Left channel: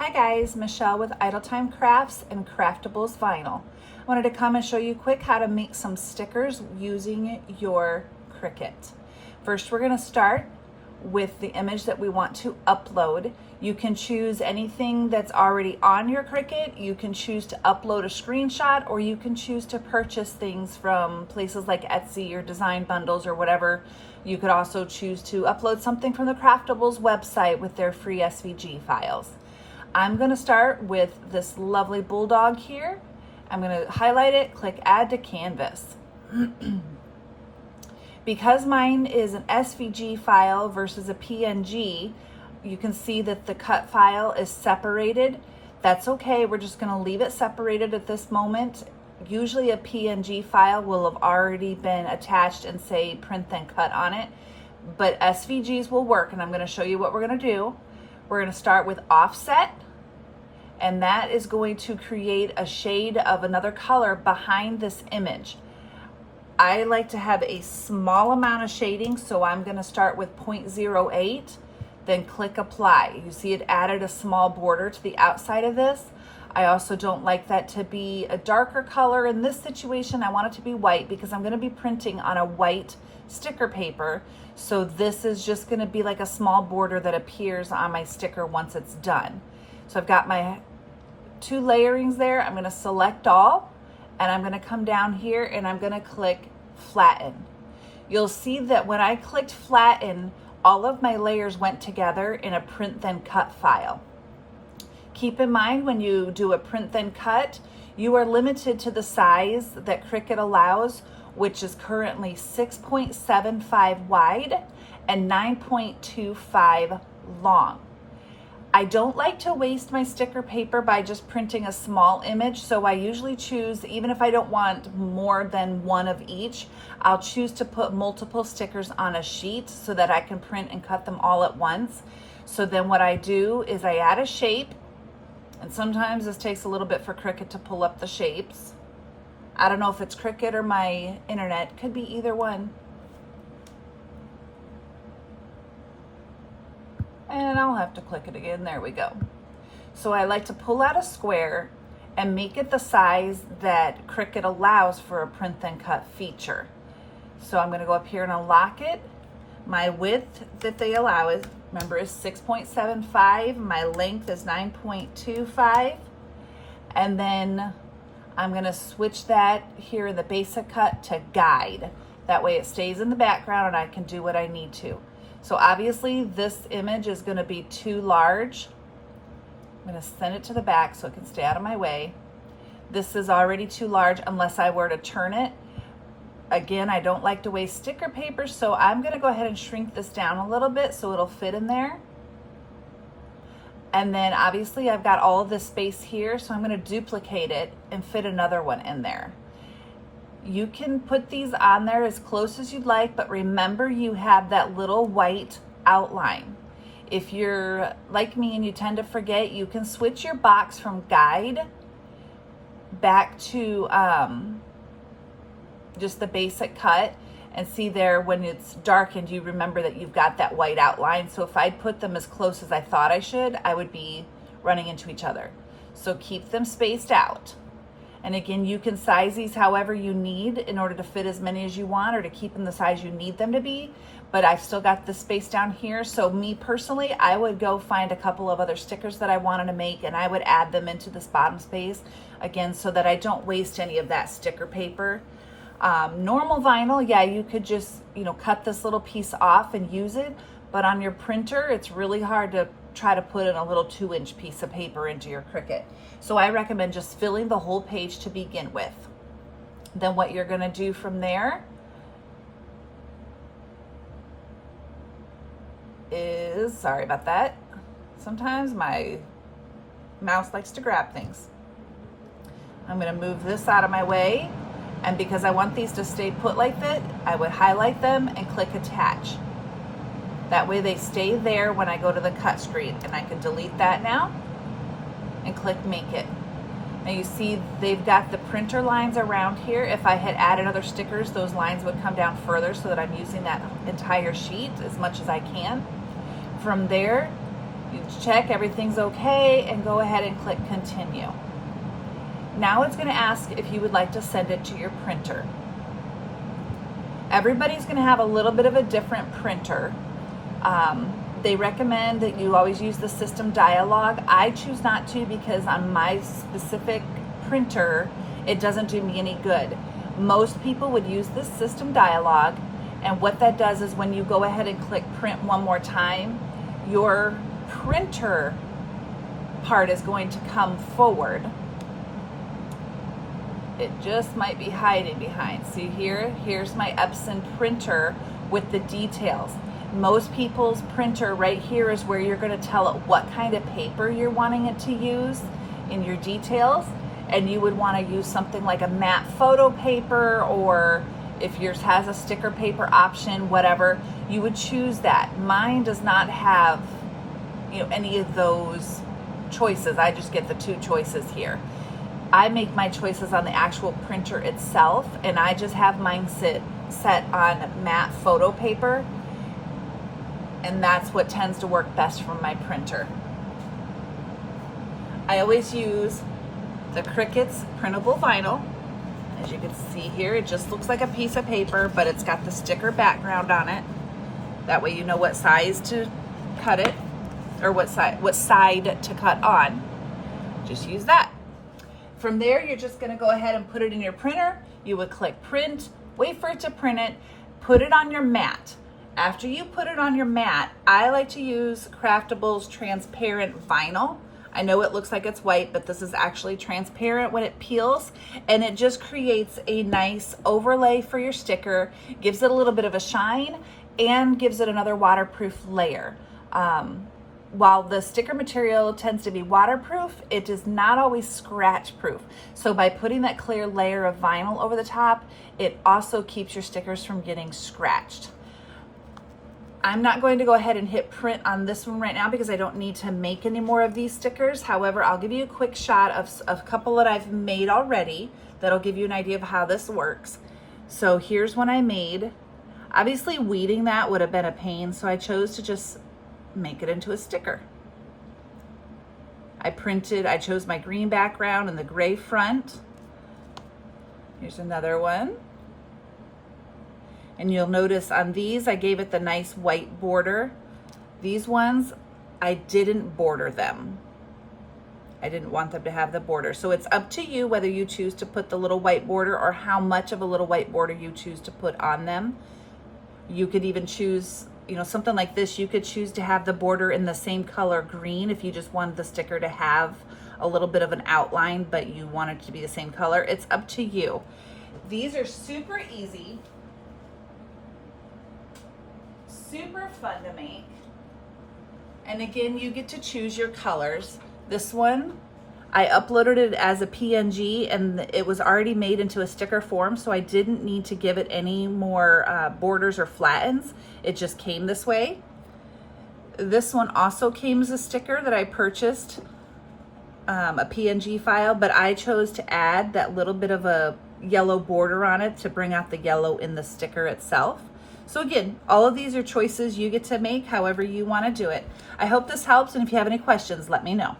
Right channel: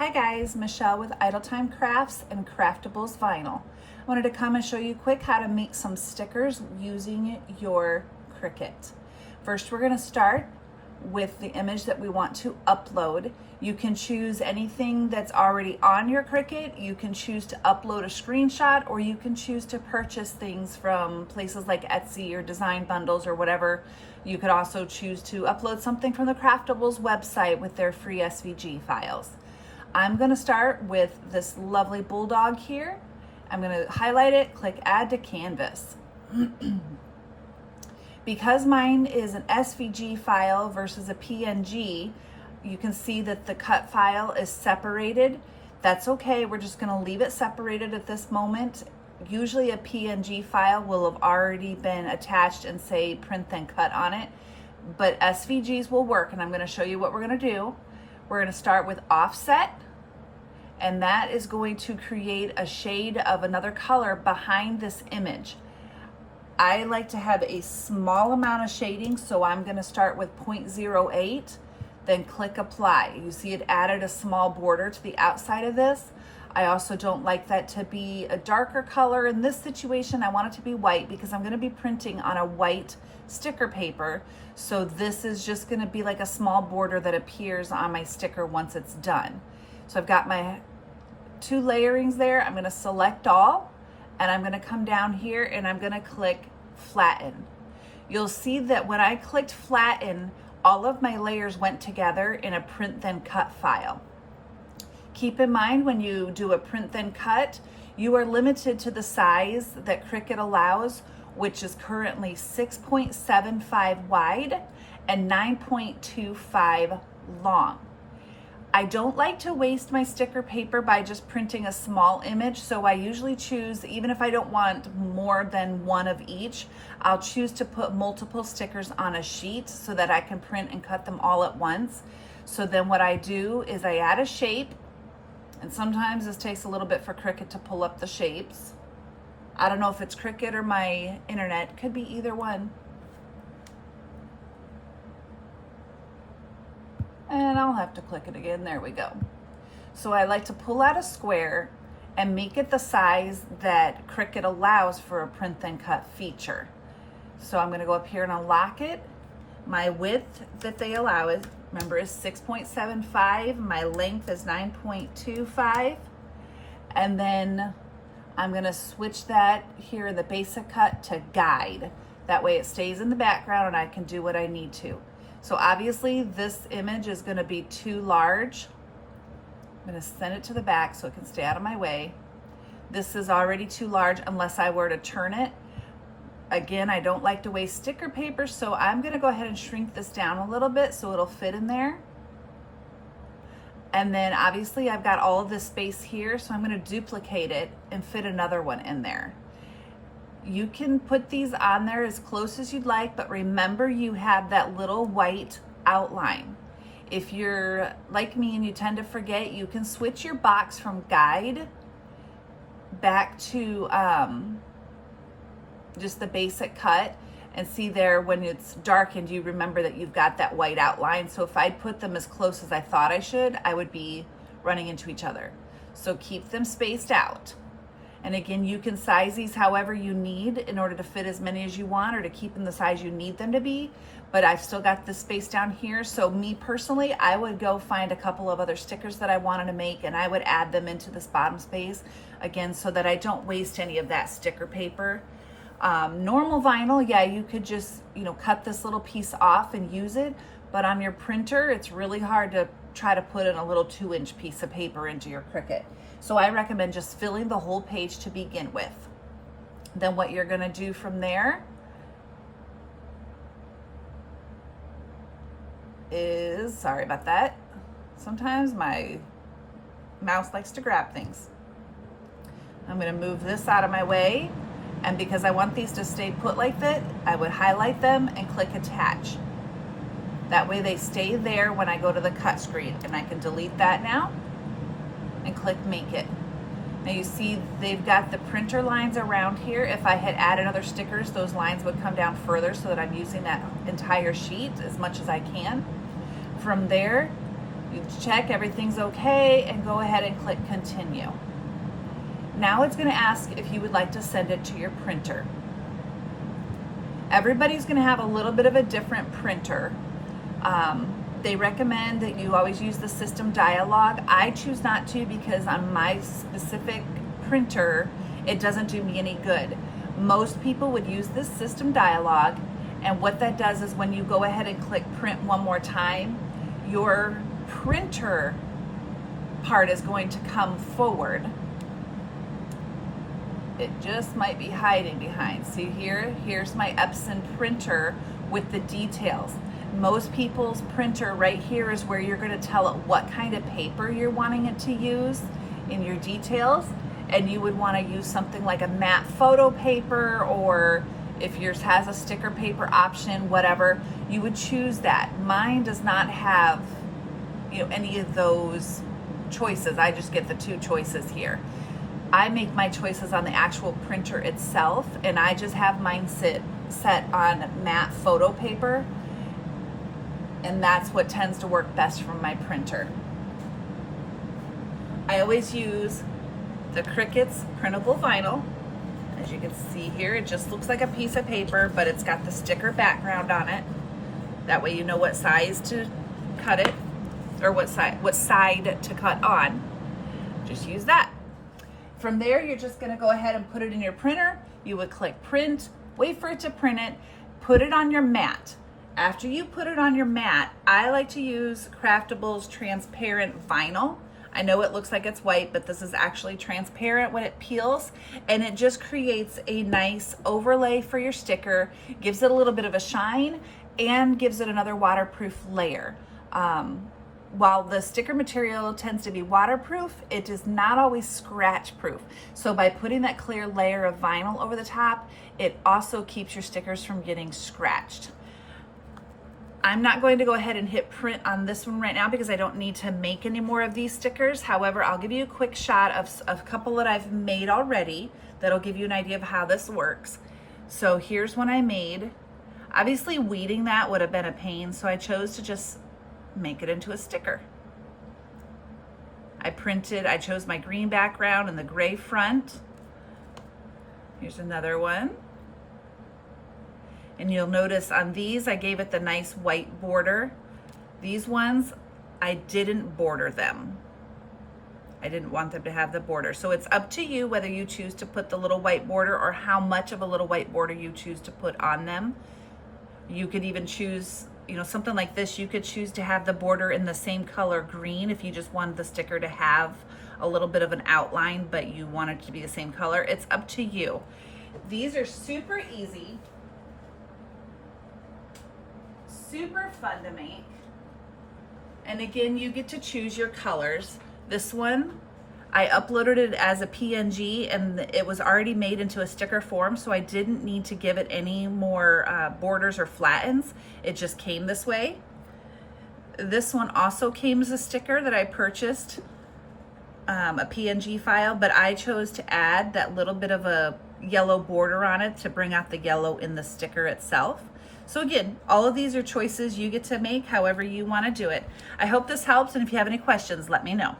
Hi guys, Michelle with Time Krafts and Craftables Vinyl. I wanted to come and show you quick how to make some stickers using your Cricut. First, we're going to start with the image that we want to upload. You can choose anything that's already on your Cricut. You can choose to upload a screenshot, or you can choose to purchase things from places like Etsy or Design Bundles or whatever. You could also choose to upload something from the Craftables website with their free SVG files. I'm going to start with this lovely bulldog here. I'm going to highlight it, click Add to Canvas. Because mine is an SVG file versus a PNG, you can see that the cut file is separated. That's okay, we're just going to leave it separated at this moment. Usually a PNG file will have already been attached and say print then cut on it, but SVGs will work, and I'm going to show you what we're going to do. We're going to start with offset, and that is going to create a shade of another color behind this image. I like to have a small amount of shading, so I'm going to start with 0.08, then click apply. You see it added a small border to the outside of this. I also don't like that to be a darker color. In this situation, I want it to be white because I'm going to be printing on a white sticker paper. So this is just going to be like a small border that appears on my sticker once it's done. So I've got my two layerings there. I'm going to select all, and I'm going to come down here and I'm going to click flatten. You'll see that when I clicked flatten, all of my layers went together in a print then cut file. Keep in mind, when you do a print then cut, you are limited to the size that Cricut allows, which is currently 6.75 wide and 9.25 long. I don't like to waste my sticker paper by just printing a small image, so I usually choose, even if I don't want more than one of each, I'll choose to put multiple stickers on a sheet so that I can print and cut them all at once. So then what I do is I add a shape, and sometimes this takes a little bit for Cricut to pull up the shapes. I don't know if it's Cricut or my internet, could be either one. And I'll have to click it again. There we go. So I like to pull out a square and make it the size that Cricut allows for a print then cut feature. So I'm going to go up here and unlock it. My width that they allow is, remember, is 6.75. My length is 9.25. And then I'm going to switch that here in the basic cut to guide. That way it stays in the background and I can do what I need to. So obviously this image is going to be too large. I'm going to send it to the back so it can stay out of my way. This is already too large unless I were to turn it. Again, I don't like to waste sticker paper, so I'm going to go ahead and shrink this down a little bit so it'll fit in there. And then obviously I've got all of this space here, so I'm going to duplicate it and fit another one in there. You can put these on there as close as you'd like, but remember you have that little white outline. If you're like me and you tend to forget, you can switch your box from guide back to just the basic cut, and see there when it's darkened, you remember that you've got that white outline. So if I put them as close as I thought I should, I would be running into each other. So keep them spaced out. And again, you can size these however you need in order to fit as many as you want, or to keep them the size you need them to be. But I've still got the space down here. So me personally, I would go find a couple of other stickers that I wanted to make, and I would add them into this bottom space again, so that I don't waste any of that sticker paper. Normal vinyl, yeah, you could just, cut this little piece off and use it. But on your printer, it's really hard to try to put in a little 2-inch piece of paper into your Cricut. So I recommend just filling the whole page to begin with. Then what you're going to do from there is, sorry about that, sometimes my mouse likes to grab things. I'm going to move this out of my way, and because I want these to stay put like that, I would highlight them and click attach. That way they stay there when I go to the cut screen, and I can delete that now and click make it. Now you see they've got the printer lines around here. If I had added other stickers, those lines would come down further so that I'm using that entire sheet as much as I can. From there, You check everything's okay and go ahead and click continue. Now it's going to ask if you would like to send it to your printer. Everybody's going to have a little bit of a different printer. They recommend that you always use the system dialog. I choose not to because on my specific printer, it doesn't do me any good. Most people would use this system dialog, and what that does is when you go ahead and click print one more time, your printer part is going to come forward. It just might be hiding behind. See here, here's my Epson printer with the details. Most people's printer right here is where you're going to tell it what kind of paper you're wanting it to use in your details, and you would want to use something like a matte photo paper, or if yours has a sticker paper option, whatever, you would choose that. Mine does not have, you know, any of those choices. I just get the two choices here. I make my choices on the actual printer itself, and I just have mine set on matte photo paper, and that's what tends to work best from my printer. I always use the Cricut's printable vinyl. As you can see here, it just looks like a piece of paper, but it's got the sticker background on it. That way you know what size to cut it, or what side to cut on. Just use that. From there, you're just going to go ahead and put it in your printer. You would click print, wait for it to print it, put it on your mat. After you put it on your mat, I like to use Craftables transparent vinyl. I know it looks like it's white, but this is actually transparent when it peels, and it just creates a nice overlay for your sticker, gives it a little bit of a shine, and gives it another waterproof layer. While the sticker material tends to be waterproof, it is not always scratch proof. So by putting that clear layer of vinyl over the top, it also keeps your stickers from getting scratched. I'm not going to go ahead and hit print on this one right now because I don't need to make any more of these stickers. However, I'll give you a quick shot of a couple that I've made already that'll give you an idea of how this works. So here's one I made. Obviously weeding that would have been a pain, so I chose to just make it into a sticker. I chose my green background and the gray front. Here's another one. And you'll notice on these, I gave it the nice white border. These ones, I didn't border them. I didn't want them to have the border. So it's up to you whether you choose to put the little white border or how much of a little white border you choose to put on them. You could even choose, you know, something like this, you could choose to have the border in the same color green if you just wanted the sticker to have a little bit of an outline, but you want it to be the same color. It's up to you. These are super easy. Super fun to make. And again, you get to choose your colors. This one, I uploaded it as a PNG and it was already made into a sticker form, so I didn't need to give it any more borders or flattens. It just came this way. This one also came as a sticker that I purchased, a PNG file, but I chose to add that little bit of a yellow border on it to bring out the yellow in the sticker itself. So again, all of these are choices you get to make however you want to do it. I hope this helps, and if you have any questions, let me know.